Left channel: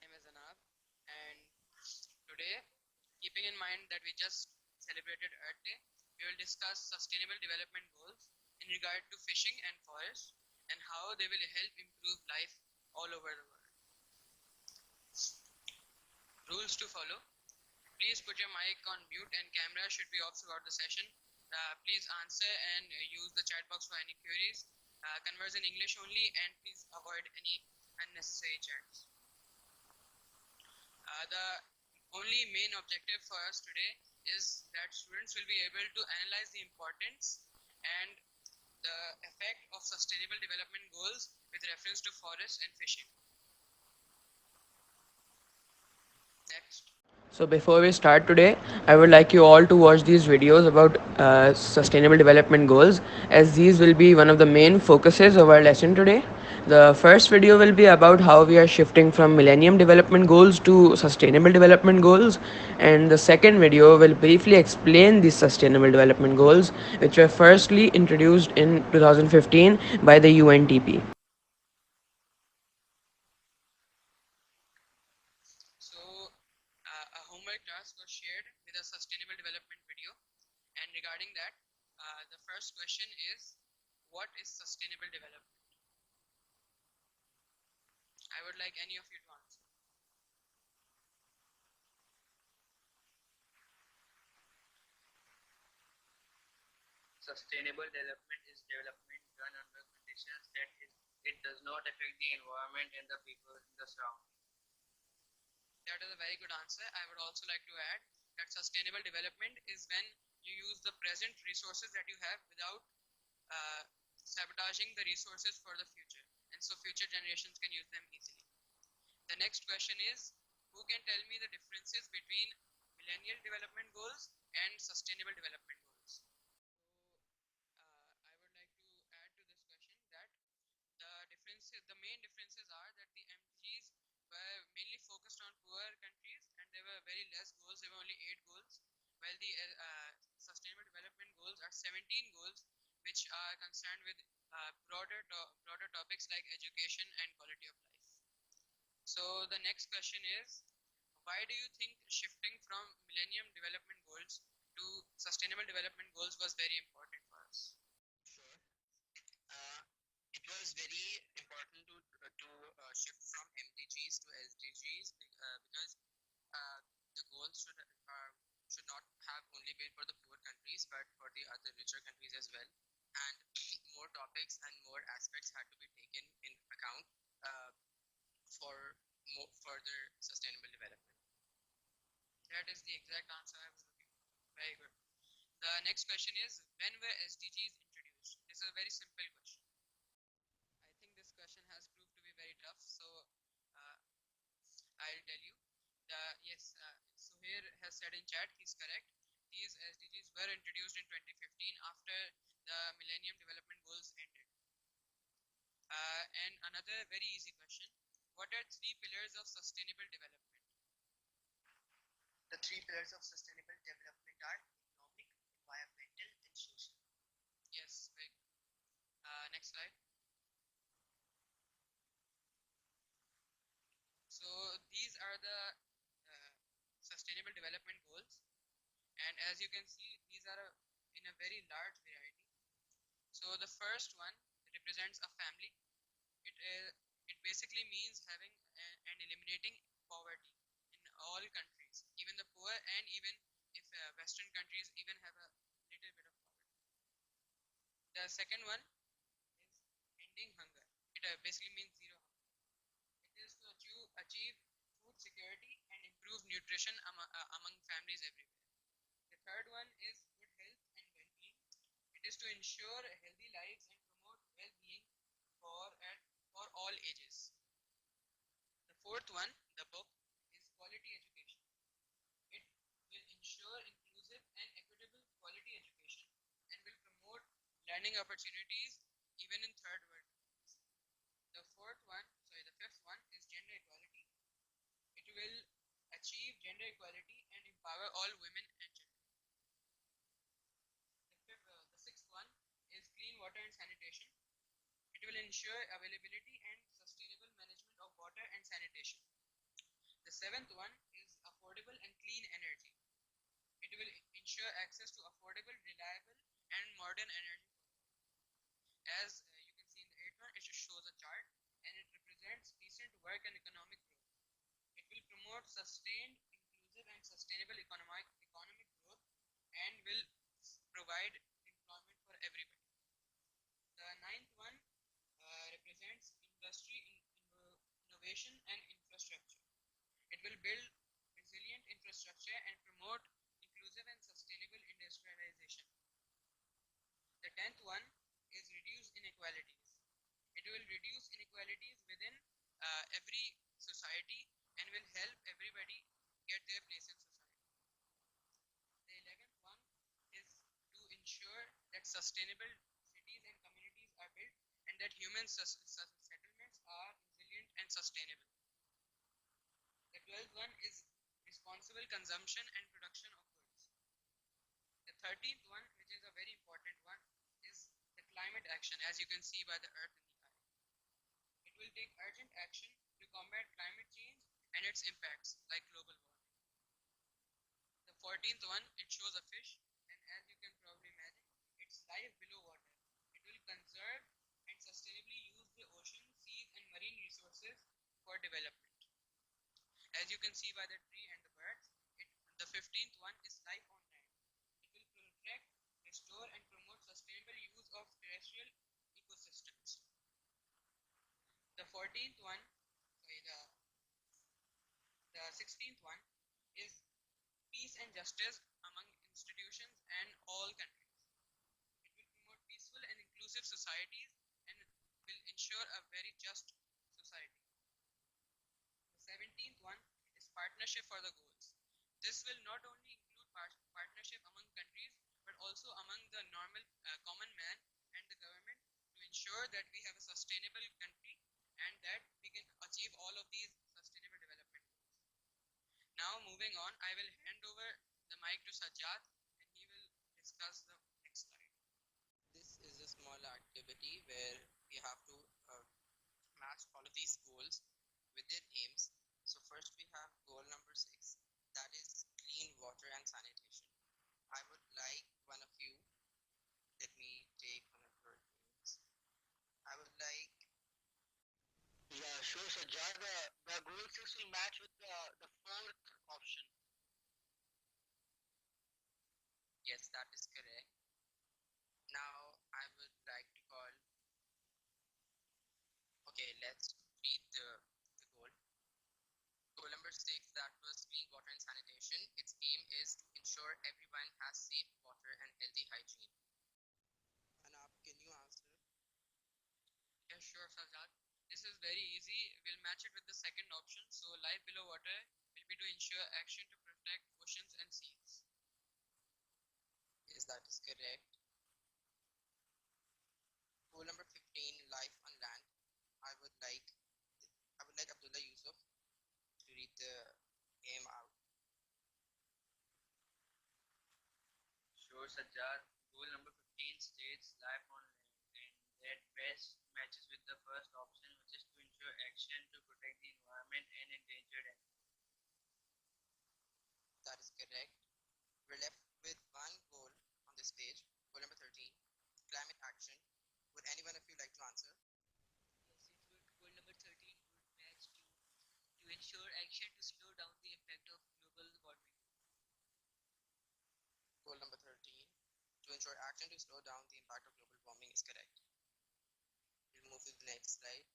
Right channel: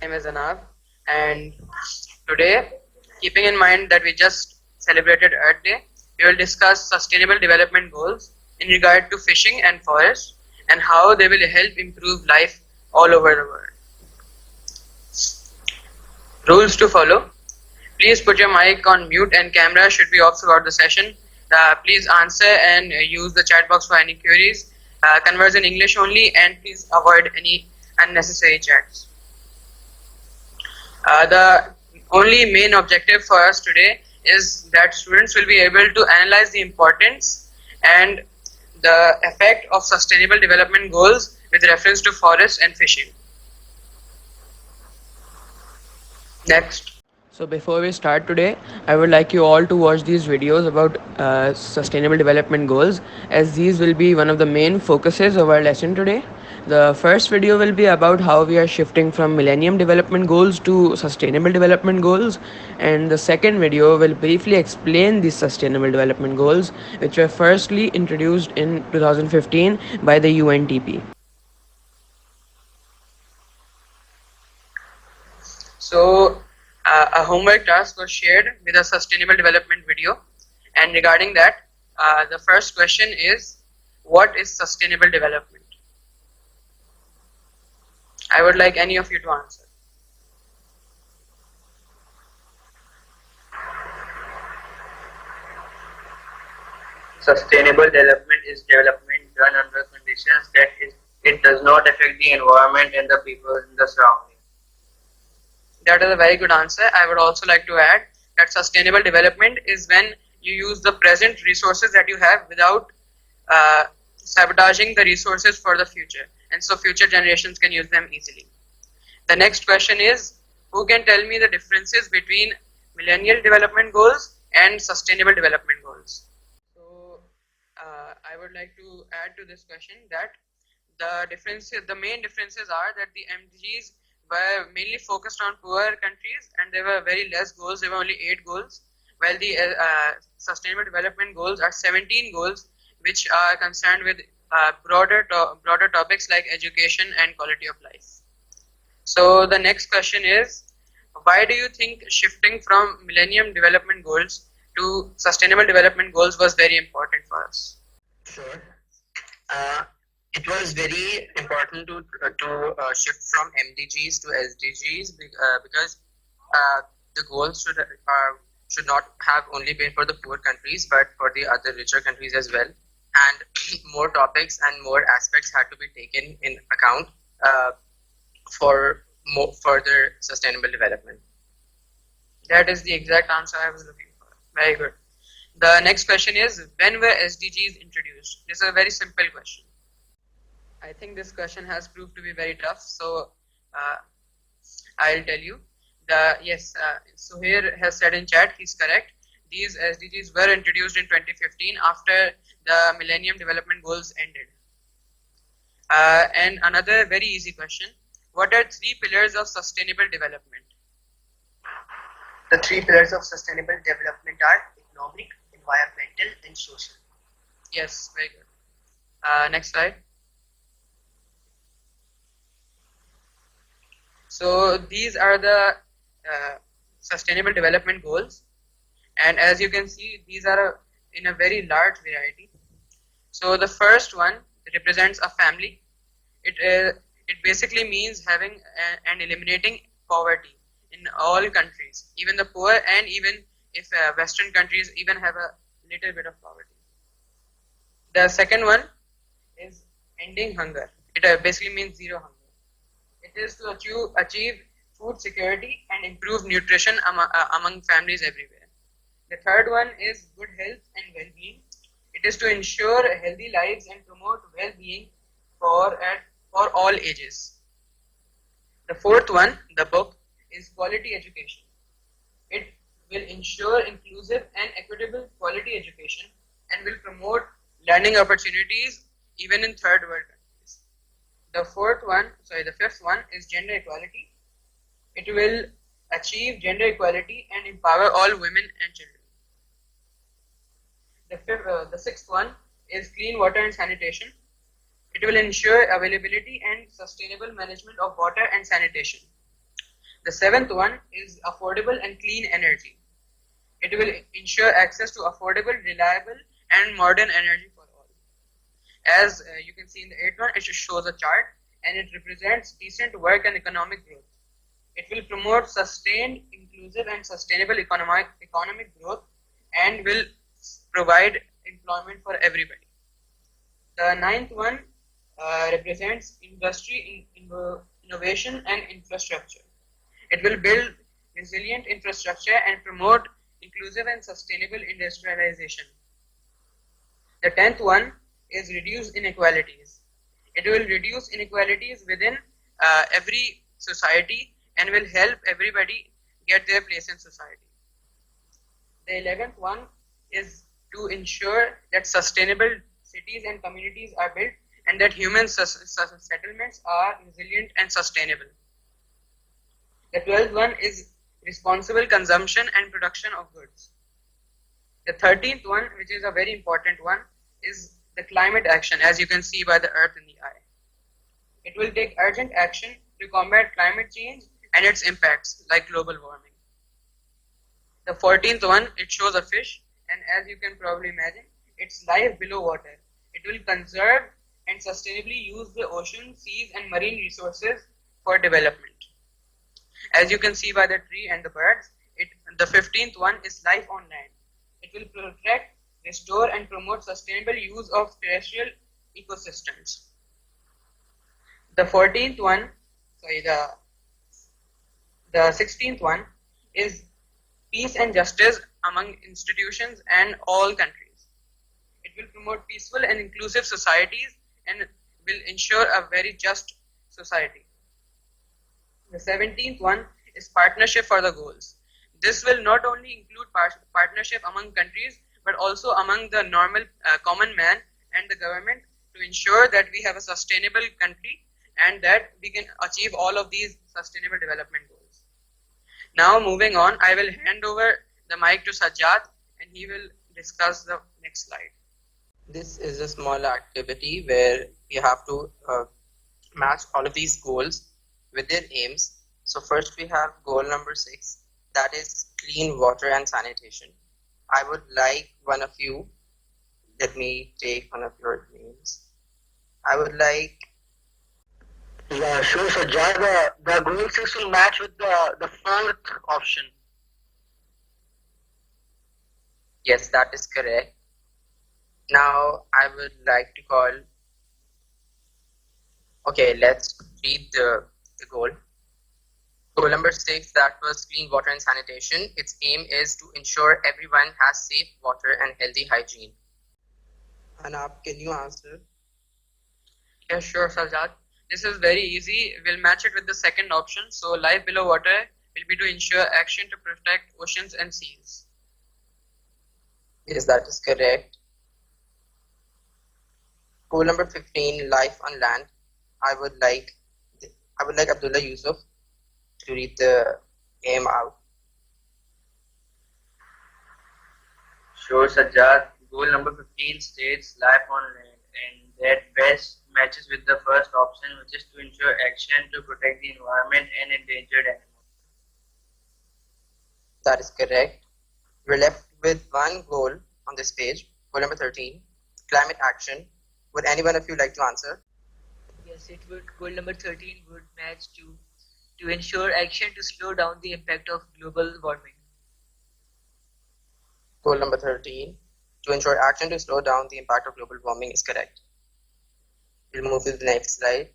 Name is Anab, and today, keeping in mind that we just celebrated Earth Day, we will discuss sustainable development goals in regard to fishing and forest and how they will help improve life all over the world. Rules to follow. Please put your mic on mute and camera should be off throughout the session. Please answer and use the chat box for any queries. Converse in English only, and please avoid any unnecessary chats. The only main objective for us today is that students will be able to analyze the importance and the effect of sustainable development goals with reference to forest and fishing. Next. So before we start today, I would like you all to watch these videos about sustainable development goals, as these will be one of the main focuses of our lesson today. The first video will be about how we are shifting from Millennium Development Goals to Sustainable Development Goals, and the second video will briefly explain these Sustainable Development Goals, which were firstly introduced in 2015 by the UNDP. So, a homework task was shared with a sustainable development video, and regarding that, the first question is, what is sustainable development? I would like any of you to answer. Sustainable development is development done under conditions that it does not affect the environment and the people in the surrounding. That is a very good answer. I would also like to add that sustainable development is when you use the present resources that you have without sabotaging the resources for the future, and so future generations can use them easily. The next question is, who can tell me the differences between Millennial Development Goals and Sustainable Development Goals? So, I would like to add to this question that the main differences are that the MDGs were mainly focused on poor countries and there were very less goals. There were only 8 goals, while the Sustainable Development Goals are 17 goals, which are concerned with broader topics like education and quality of life. So the next question is, why do you think shifting from Millennium Development Goals to Sustainable Development Goals was very important for us? Sure. It was very important to shift from MDGs to SDGs because the goals should not have only been for the poor countries but for the other richer countries as well, and more topics and more aspects had to be taken in account for more further sustainable development. That is the exact answer I was looking for. Very good. The next question is, when were SDGs introduced? This is a very simple question. I think this question has proved to be very tough, so I'll tell you. Yes, Suhair has said in chat, he's correct. These SDGs were introduced in 2015 after the Millennium Development Goals ended. And another very easy question, what are 3 pillars of sustainable development? The 3 pillars of sustainable development are economic, environmental, and social. Yes, very good. Next slide. So these are the sustainable development goals, and as you can see, these are in a very large variety. So the first one represents a family. It basically means having and eliminating poverty in all countries, even the poor, and even if Western countries even have a little bit of poverty. The second one is ending hunger. It basically means zero hunger. It is to achieve food security and improve nutrition among families everywhere. The third one is good health and well-being. It is to ensure healthy lives and promote well-being for all ages. The fourth one, the book, is quality education. It will ensure inclusive and equitable quality education and will promote learning opportunities even in third world countries. The fifth one is gender equality. It will achieve gender equality and empower all women and children. The sixth one is clean water and sanitation. It will ensure availability and sustainable management of water and sanitation. The seventh one is affordable and clean energy. It will ensure access to affordable, reliable, and modern energy for all. As you can see in the eighth one, it shows a chart and it represents decent work and economic growth. It will promote sustained, inclusive, and sustainable economic growth and will provide employment for everybody. The ninth one represents industry, innovation, and infrastructure. It will build resilient infrastructure and promote inclusive and sustainable industrialization. The 10th one is reduce inequalities. It will reduce inequalities within every society and will help everybody get their place in society. The 11th one is to ensure that sustainable cities and communities are built and that human settlements are resilient and sustainable. The 12th one is responsible consumption and production of goods. The 13th one, which is a very important one, is the climate action, as you can see by the earth in the eye. It will take urgent action to combat climate change and its impacts like global warming. The 14th one, it shows a fish, and as you can probably imagine, it's life below water. It will conserve and sustainably use the ocean, seas, and marine resources for development. As you can see by the tree and the birds, the 15th one is life on land. It will protect, restore, and promote sustainable use of terrestrial ecosystems. The 14th one, the 16th one is peace and justice among institutions and all countries. It will promote peaceful and inclusive societies and will ensure a very just society. The 17th one is partnership for the goals. This will not only include partnership among countries, but also among the normal common man and the government to ensure that we have a sustainable country and that we can achieve all of these sustainable development goals. Now moving on, I will hand over the mic to Sajjad and he will discuss the next slide. This is a small activity where we have to match all of these goals with their aims. So first we have goal number 6, that is clean water and sanitation. I would like one of you, let me take one of your names. I would like. Yeah, sure, Sajjad. The goal 6 will match with the fourth option. Yes, that is correct. Now I would like to call. Okay, let's read the goal. Goal number 6, that was clean water and sanitation. Its aim is to ensure everyone has safe water and healthy hygiene. Anab, can you answer? Yeah, sure, Sajjad. This is very easy. We'll match it with the second option. So life below water will be to ensure action to protect oceans and seas. Yes, that is correct. Goal number 15, life on land. I would like Abdullah Yusuf to read the aim out. Sure, Sajjad. Goal number 15 states life on land, and that best matches with the first option, which is to ensure action to protect the environment and endangered animals. That is correct. We're left with one goal on this page, goal number 13, climate action. Would any one of you like to answer? Yes, it would. Goal number 13 would match to ensure action to slow down the impact of global warming. Goal number 13, to ensure action to slow down the impact of global warming is correct. We'll move to the next slide.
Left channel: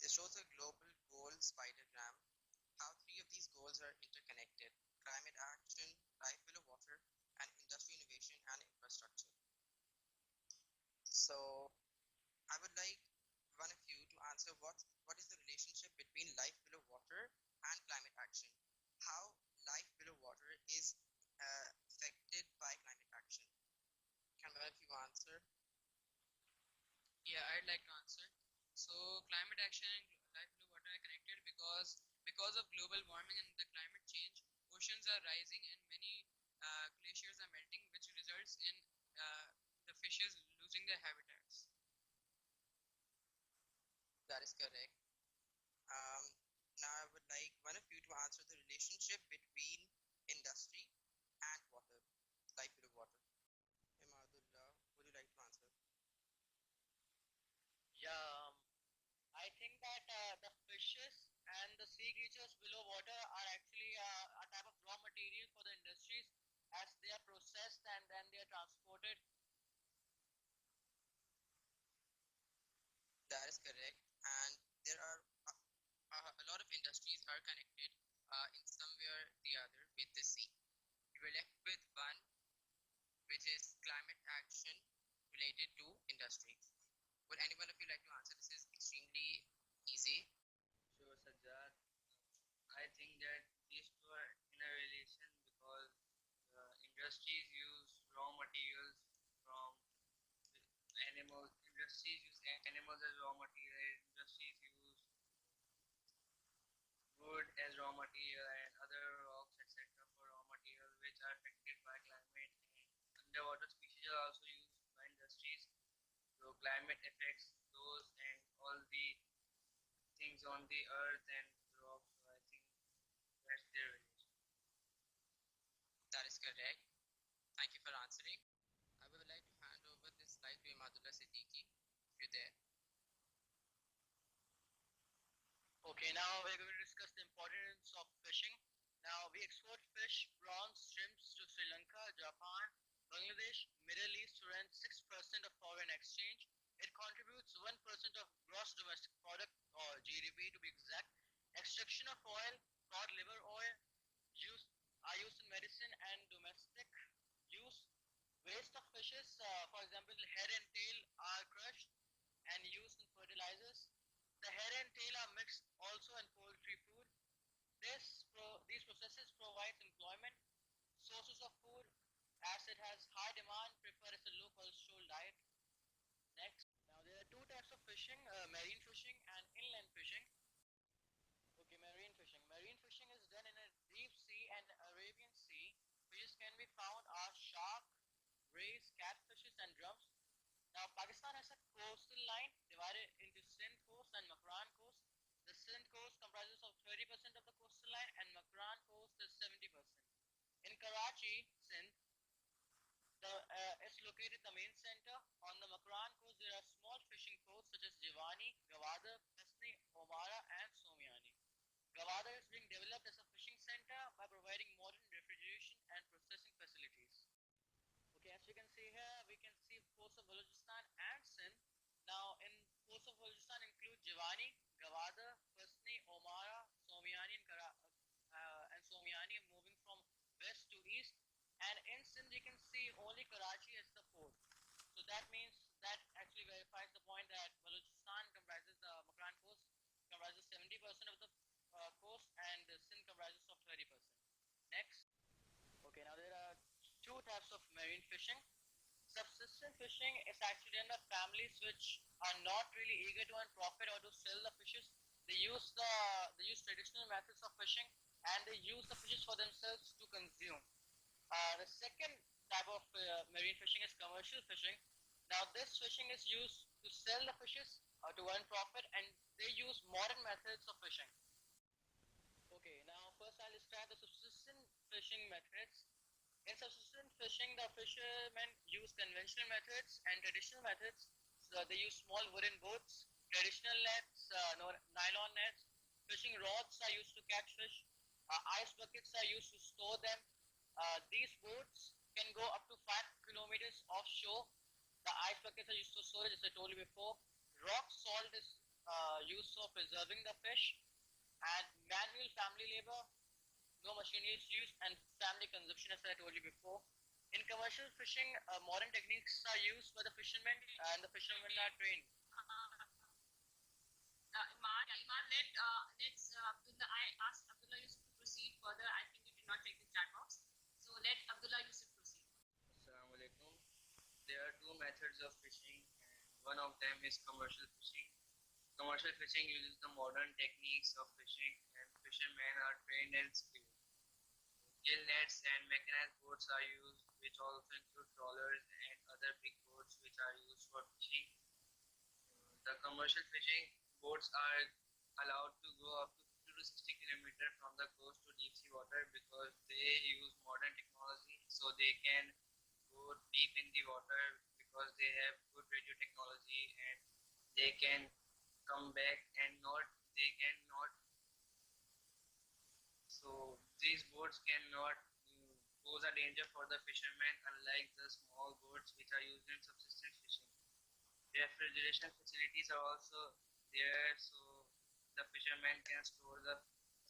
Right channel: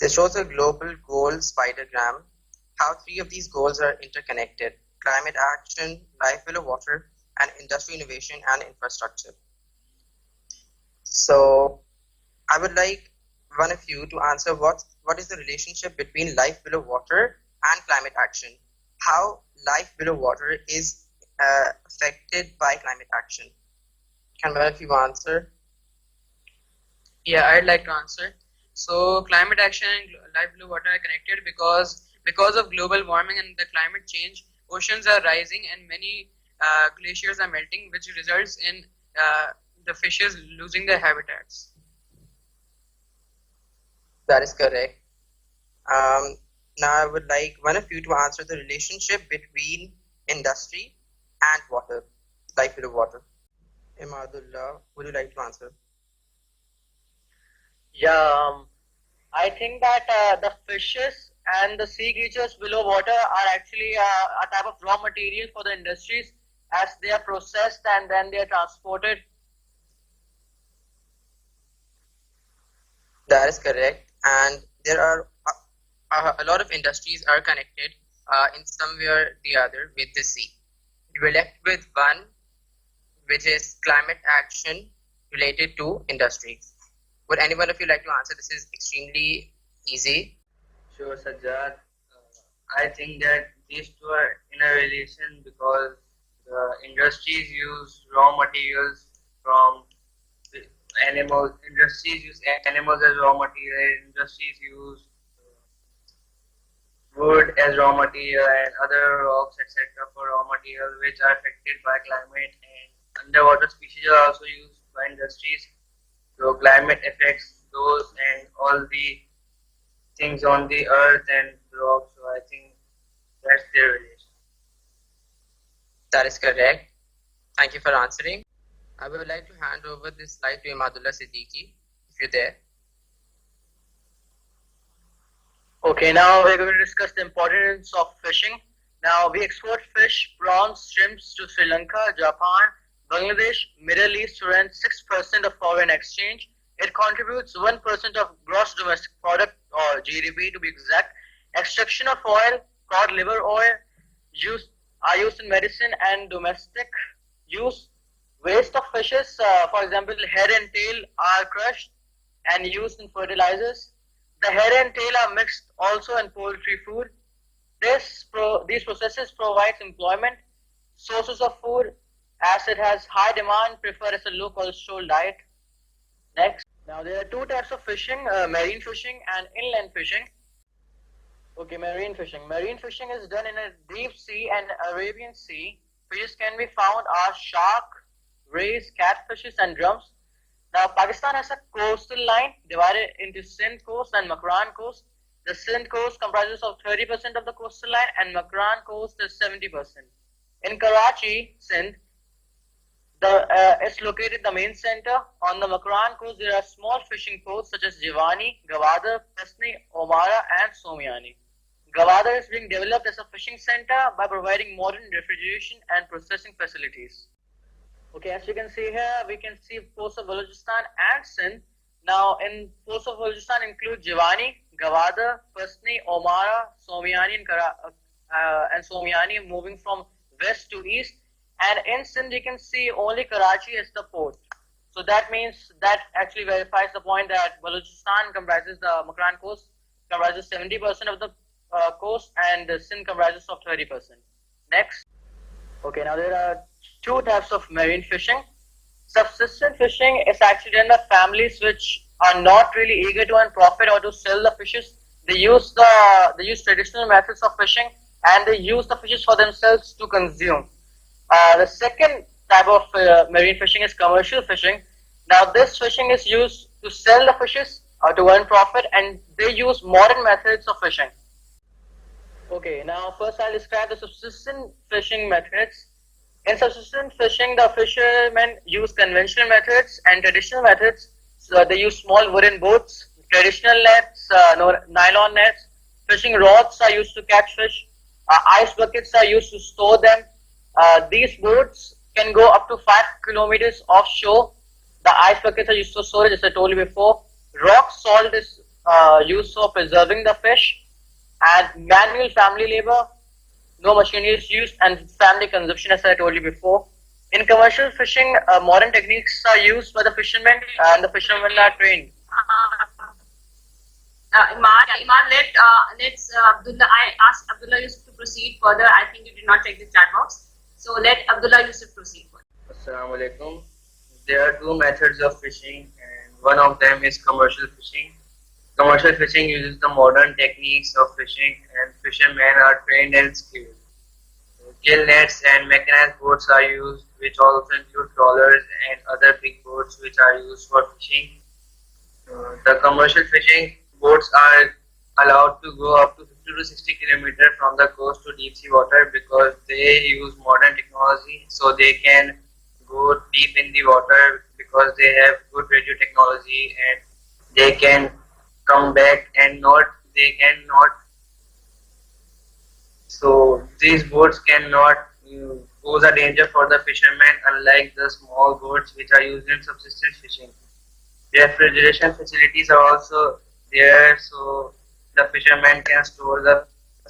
This shows a global goal spidergram, how 3 of these goals are interconnected: climate action, life below water, and industry innovation and infrastructure. So I would like one of you to answer what is the relationship between life below water and climate action, how life below water is affected by climate action. Can one of you answer? Yeah, I'd like to answer. So climate action and life below water are connected because of global warming and the climate change, oceans are rising and many glaciers are melting, which results in the fishes losing their habitats. That is correct. Now I would like one of you to answer the relationship between industry and water, life below water. Imadullah, would you like to answer? Yeah, I think that the fishes and the sea creatures below water are actually a type of raw material for the industries as they are processed and then they are transported. That is correct. And there are a lot of industries are connected in somewhere the other with the sea. We were left with one, which is climate action related to industries. Would any one of you like to answer? This is extremely easy. Sure, Sajjad. I think that these two are in a relation because the industries use raw materials from the animals. Industries use animals as raw material. Industries use wood as raw material and other rocks, etc., for raw material, which are affected by climate. And underwater species are also used by industries. So climate affects those and all the things on the earth and rocks. So I think that's their relation. That is correct. Thank you for answering. I would like to hand over this slide to Imadullah Siddiqui, if you're there. Okay, now we're going to discuss the importance of fishing. Now we export fish, prawns, shrimps to Sri Lanka, Japan, Bangladesh, Middle East to earn 6% of foreign exchange. It contributes 1% of gross domestic product or GDP to be exact. Extraction of oil, cod liver oil are used in medicine and domestic use. Waste of fishes, for example, head and tail are crushed and used in fertilizers. The head and tail are mixed also in poultry food. These processes provide employment, sources of food, as it has high demand, preferred as a low cholesterol diet. Next. Now there are two types of fishing, marine fishing and inland fishing. Okay, marine fishing. Marine fishing is done in a deep sea and Arabian Sea. Fishes can be found are shark, rays, catfishes and drums. Now Pakistan has a coastal line divided into Sindh coast and Makran coast. The Sindh coast comprises of 30% of the coastal line and Makran coast is 70%. In Karachi, Sindh, is located the main center. On the Makran coast, there are small fishing ports such as Jiwani, Gwadar, Pasni, Omara, and Somiani. Gwadar is being developed as a fishing center by providing modern refrigeration and processing facilities. Okay, as you can see here, we can see ports of Balochistan and Sindh. Now, in ports of Balochistan include Jiwani, Gwadar, Pasni, Omara, Somiani, and Somiani moving from west to east. And in Sindh, you can see only Karachi as the port. So that means that actually verifies the point that Balochistan comprises the Makran coast, comprises 70% of the coast, and Sindh comprises of 30%. Next. Okay, now there are two types of marine fishing. Subsistence fishing is actually done by families which are not really eager to earn profit or to sell the fishes. They use traditional methods of fishing and they use the fishes for themselves to consume. The second type of marine fishing is commercial fishing. Now this fishing is used to sell the fishes or to earn profit, and they use modern methods of fishing. Okay, now first I'll describe the subsistence fishing methods. In subsistence fishing, the fishermen use conventional methods and traditional methods. So they use small wooden boats, traditional nets, nylon nets. Fishing rods are used to catch fish. Ice buckets are used to store them. These boats can go up to 5 kilometers offshore. The ice buckets are used for storage, as I told you before. Rock salt is used for preserving the fish. And manual family labor, no machinery is used, and family consumption, as I told you before. In commercial fishing, modern techniques are used by the fishermen, and the fishermen are trained. Let's Abdullah. I asked Abdullah Yusuf to proceed further. I think you did not check the chat box, so let Abdullah Yusuf proceed further. Assalamu alaikum. There are two methods of fishing, and one of them is commercial fishing. Commercial fishing uses the modern techniques of fishing, and fishermen are trained and skilled. Gill nets and mechanized boats are used, which also include trawlers and other big boats which are used for fishing. The commercial fishing boats are allowed to go up to 50 to 60 kilometers from the coast to deep sea water because they use modern technology, so they can go deep in the water because they have good radio technology, and they can come back and not they cannot, so these boats cannot pose a danger for the fishermen, unlike the small boats which are used in subsistence fishing. Refrigeration facilities are also there, so the fishermen can store the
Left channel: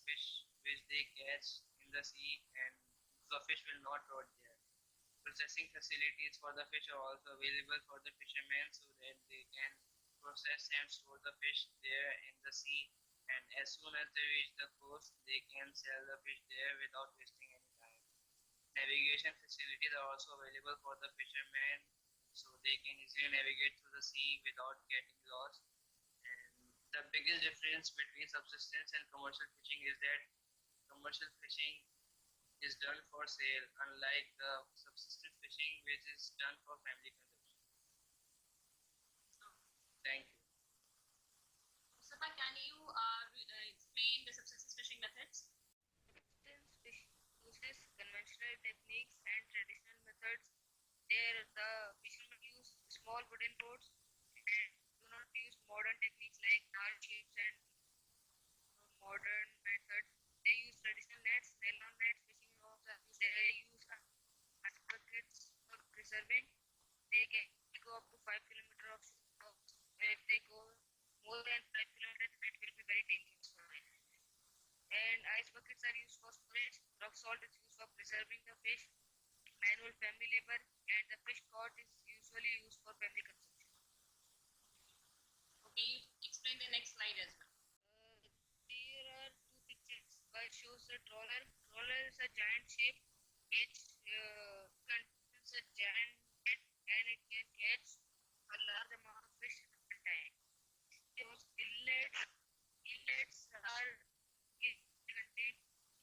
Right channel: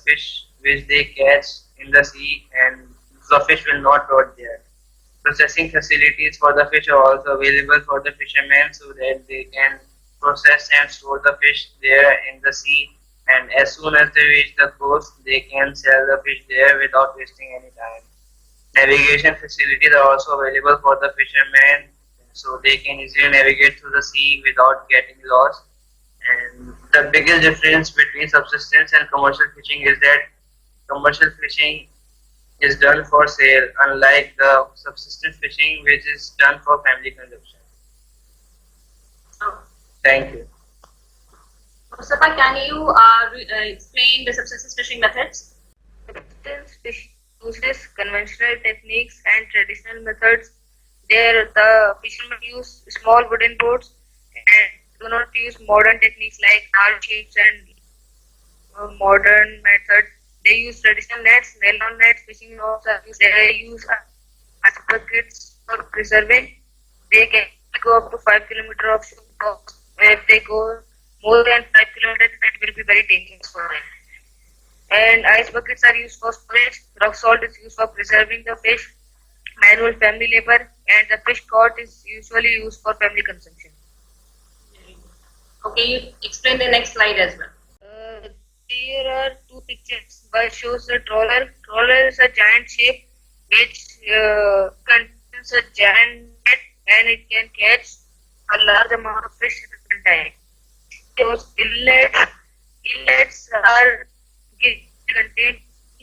fish which they catch in the sea, and the fish will not rot there. Processing facilities for the fish are also available for the fishermen so that they can process and store the fish there in the sea, and as soon as they reach the coast they can sell the fish there without wasting any time. Navigation facilities are also available for the fishermen so they can easily navigate through the sea without getting lost. And the biggest difference between subsistence and commercial fishing is that commercial fishing is done for sale, unlike the subsistence fishing, which is done for family consumption. Oh. Thank you. Mustafa, can you explain the subsistence fishing methods? Subsistence fish uses conventional techniques and traditional methods. There, the fishermen use small wooden boats and do not use modern techniques like large ships and modern methods. They use traditional nets, nylon nets, fishing rods. They use ice buckets for preserving. They can go up to 5 kilometers of shore. If they go more than 5 kilometers, that will be very dangerous for them. And ice buckets are used for storage. Rock salt is used for preserving the fish. Manual family labor, and the fish caught is usually used for family consumption. Okay, you explain the next slide as well. There are two pictures. One shows the trawler. Trawler is a giant ship which contains a giant net, and it can catch a large amount of fish at one time. Those inlets are contain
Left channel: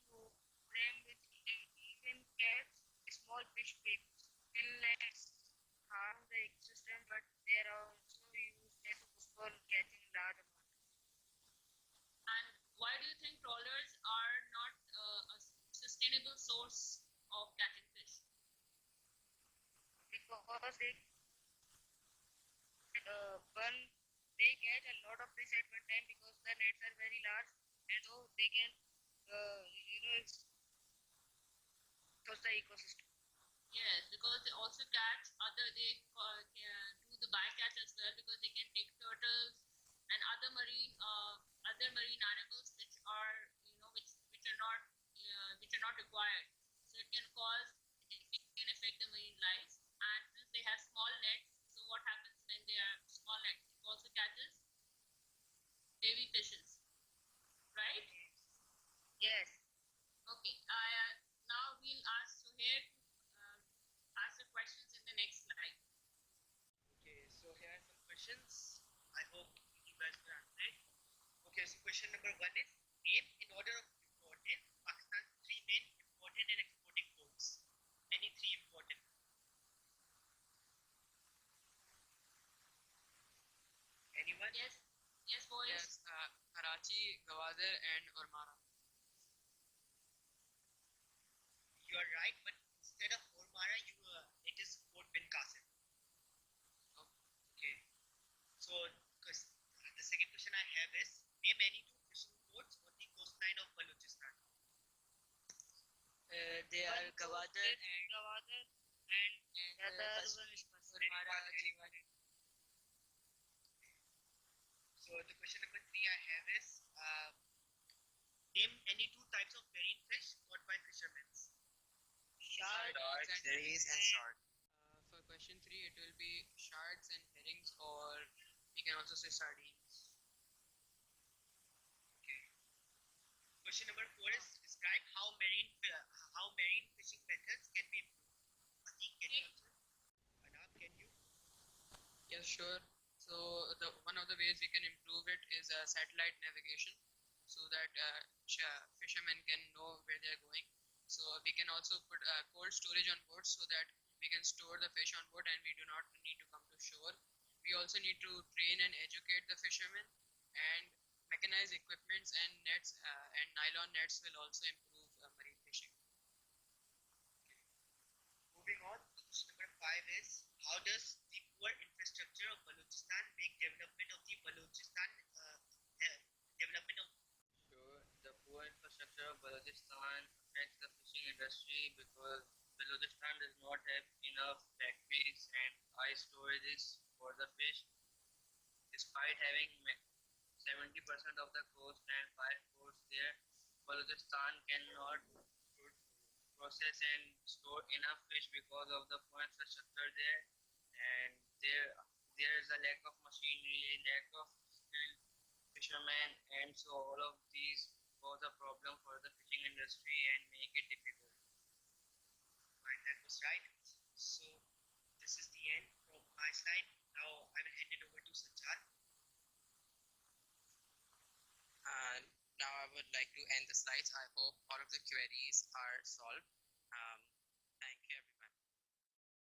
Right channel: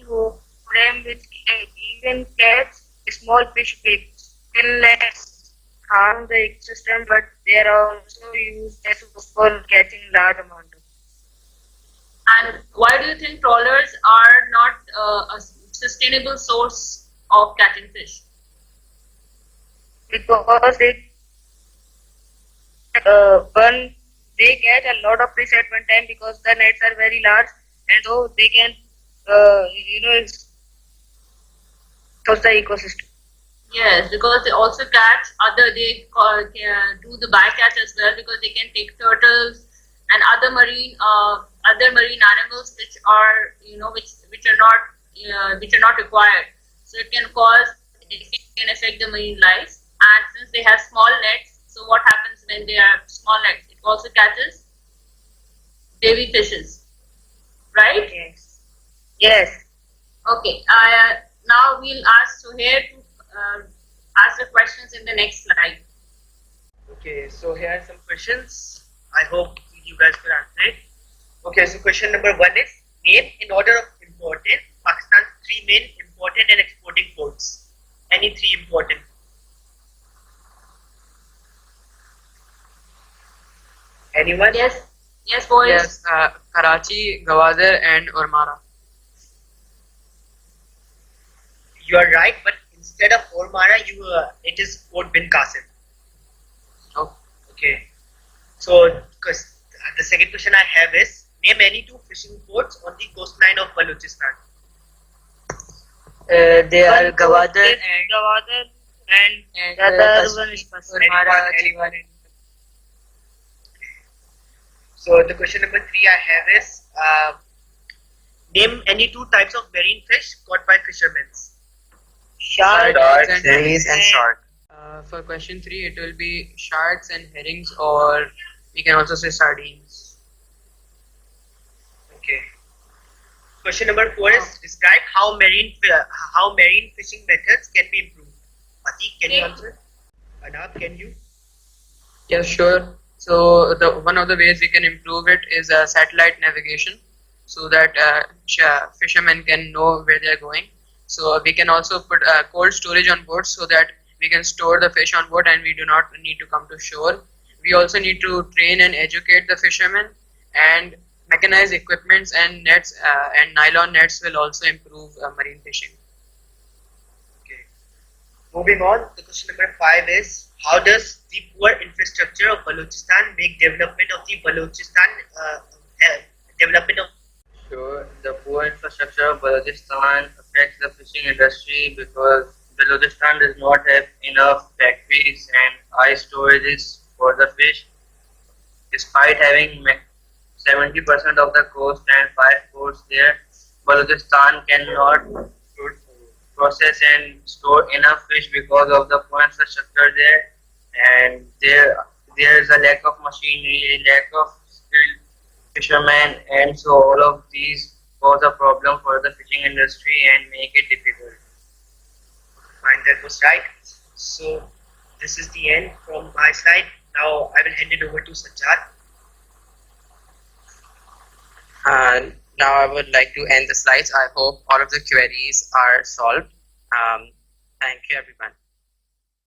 frame which can even catch small fish big. Inlets harm the ecosystem, but they are also used as for catching large amount of. And why do you think trawlers are not a sustainable source of catching fish? Because they catch a lot of fish at one time because the nets are very large, and so they can expose the ecosystem. Yes, because they also catch can do the bycatch as well, because they can take turtles and other marine animals which are which are not required. So it can affect the marine life. And since they have small nets, so what happens when they are small nets? It also catches baby fishes, right? Yes. Yes. Okay. Now we'll ask Suhair to ask the questions in the next slide. Okay, so here are some questions. I hope you guys will answer it. Okay, so question number 1 is, name in order of importance Pakistan's 3 main imported and exporting ports. Any 3 important? Anyone? Yes, boys. Yes, Karachi, Gwadar, and Ormara. You are right, but instead of Ormara, it is Port Bin Qasim. Oh. Okay. So, the second question I have is, name any 2 fishing ports on the coastline of Balochistan. They are Gwadar Gwadar and the and other one is Ormara. Anyone? So the question number 3 I have is, name any 2 types of marine fish caught by fishermen. Shark and Herrings and shark. For question 3, it will be sharks and herrings, or we can also say sardines. Okay. Question number 4 is, describe how marine fishing methods can be improved. Atik, can you answer? Anab, can you? Yeah, sure. So one of the ways we can improve it is satellite navigation, so that fishermen can know where they are going. So we can also put cold storage on board so that we can store the fish on board and we do not need to come to shore. We also need to train and educate the fishermen, and mechanized equipments and nets and nylon nets will also improve marine fishing. Okay. Moving on, the question number 5 is, how does the poor infrastructure of Balochistan make development of the Balochistan development of Sure, the poor infrastructure of Balochistan affects the fishing industry because Balochistan does not have enough factories and ice storages for the fish. Despite having 70% of the coast and 5 ports there, Balochistan cannot process and store enough fish because of the poor infrastructure there, and there is a lack of machinery, lack of skilled fishermen, and so all of these cause a problem for the fishing industry and make it difficult. Fine, that was right. So this is the end from my side. Now I will hand it over to Sajjad. Now I would like to end the slides. I hope all of the queries are solved. Thank you everyone.